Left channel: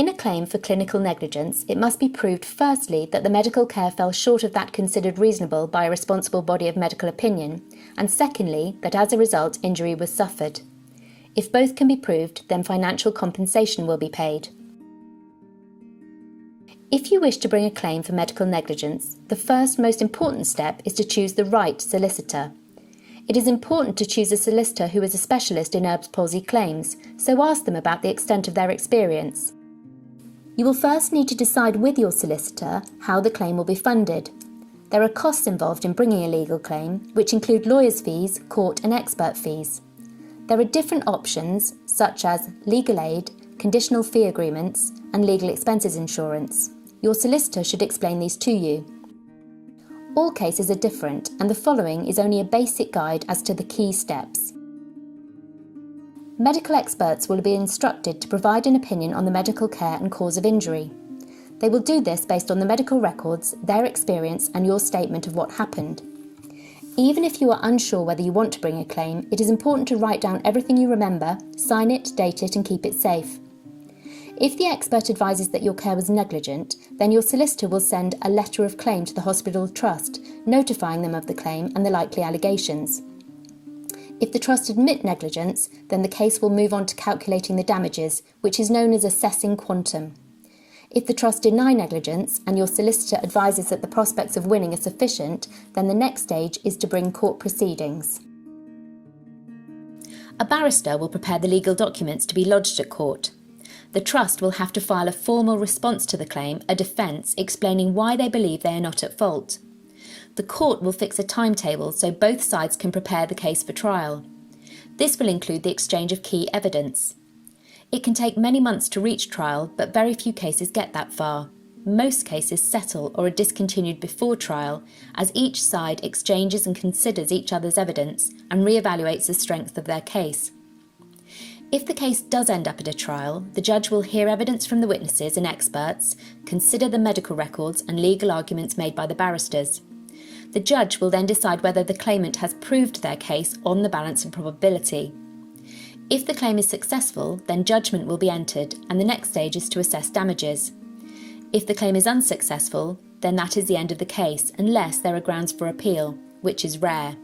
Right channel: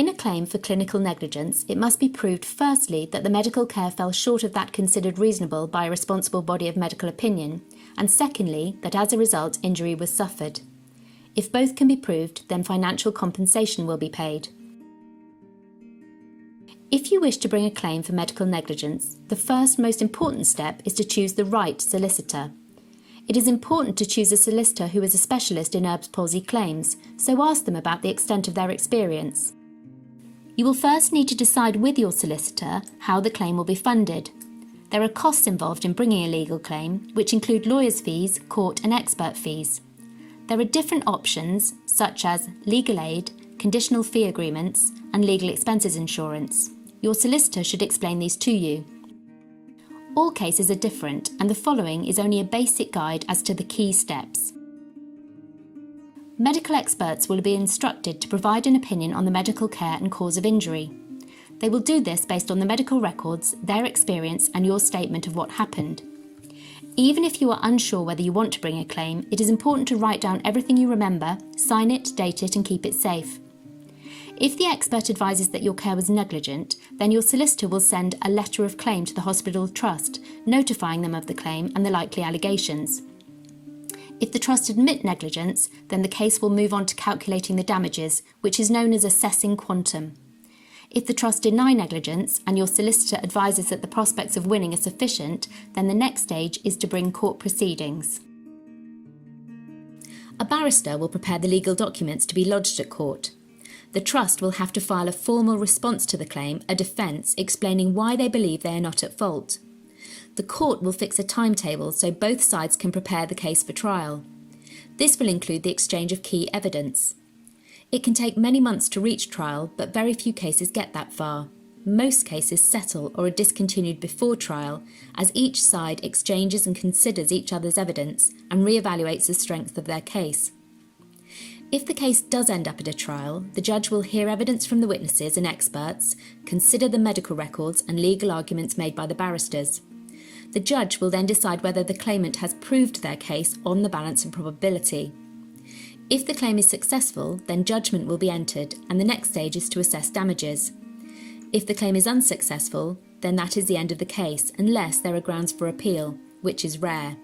In a claim for clinical negligence, it must be proved firstly that the medical care fell short of that considered reasonable by a responsible body of medical opinion, and secondly, that as a result injury was suffered. If both can be proved, then financial compensation will be paid. If you wish to bring a claim for medical negligence, the first most important step is to choose the right solicitor. It is important to choose a solicitor who is a specialist in Erb's palsy claims, so ask them about the extent of their experience. You will first need to decide with your solicitor how the claim will be funded. There are costs involved in bringing a legal claim, which include lawyers' fees, court and expert fees. There are different options, such as legal aid, conditional fee agreements, and legal expenses insurance. Your solicitor should explain these to you. All cases are different, and the following is only a basic guide as to the key steps. Medical experts will be instructed to provide an opinion on the medical care and cause of injury. They will do this based on the medical records, their experience, and your statement of what happened. Even if you are unsure whether you want to bring a claim, it is important to write down everything you remember, sign it, date it, and keep it safe. If the expert advises that your care was negligent, then your solicitor will send a letter of claim to the hospital trust, notifying them of the claim and the likely allegations. If the trust admit negligence, then the case will move on to calculating the damages, which is known as assessing quantum. If the trust deny negligence and your solicitor advises that the prospects of winning are sufficient, then the next stage is to bring court proceedings. A barrister will prepare the legal documents to be lodged at court. The trust will have to file a formal response to the claim, a defence, explaining why they believe they are not at fault. The court will fix a timetable so both sides can prepare the case for trial. This will include the exchange of key evidence. It can take many months to reach trial, but very few cases get that far. Most cases settle or are discontinued before trial, as each side exchanges and considers each other's evidence and re-evaluates the strength of their case. If the case does end up at a trial, the judge will hear evidence from the witnesses and experts, consider the medical records and legal arguments made by the barristers. The judge will then decide whether the claimant has proved their case on the balance of probability. If the claim is successful, then judgment will be entered, and the next stage is to assess damages. If the claim is unsuccessful, then that is the end of the case, unless there are grounds for appeal, which is rare.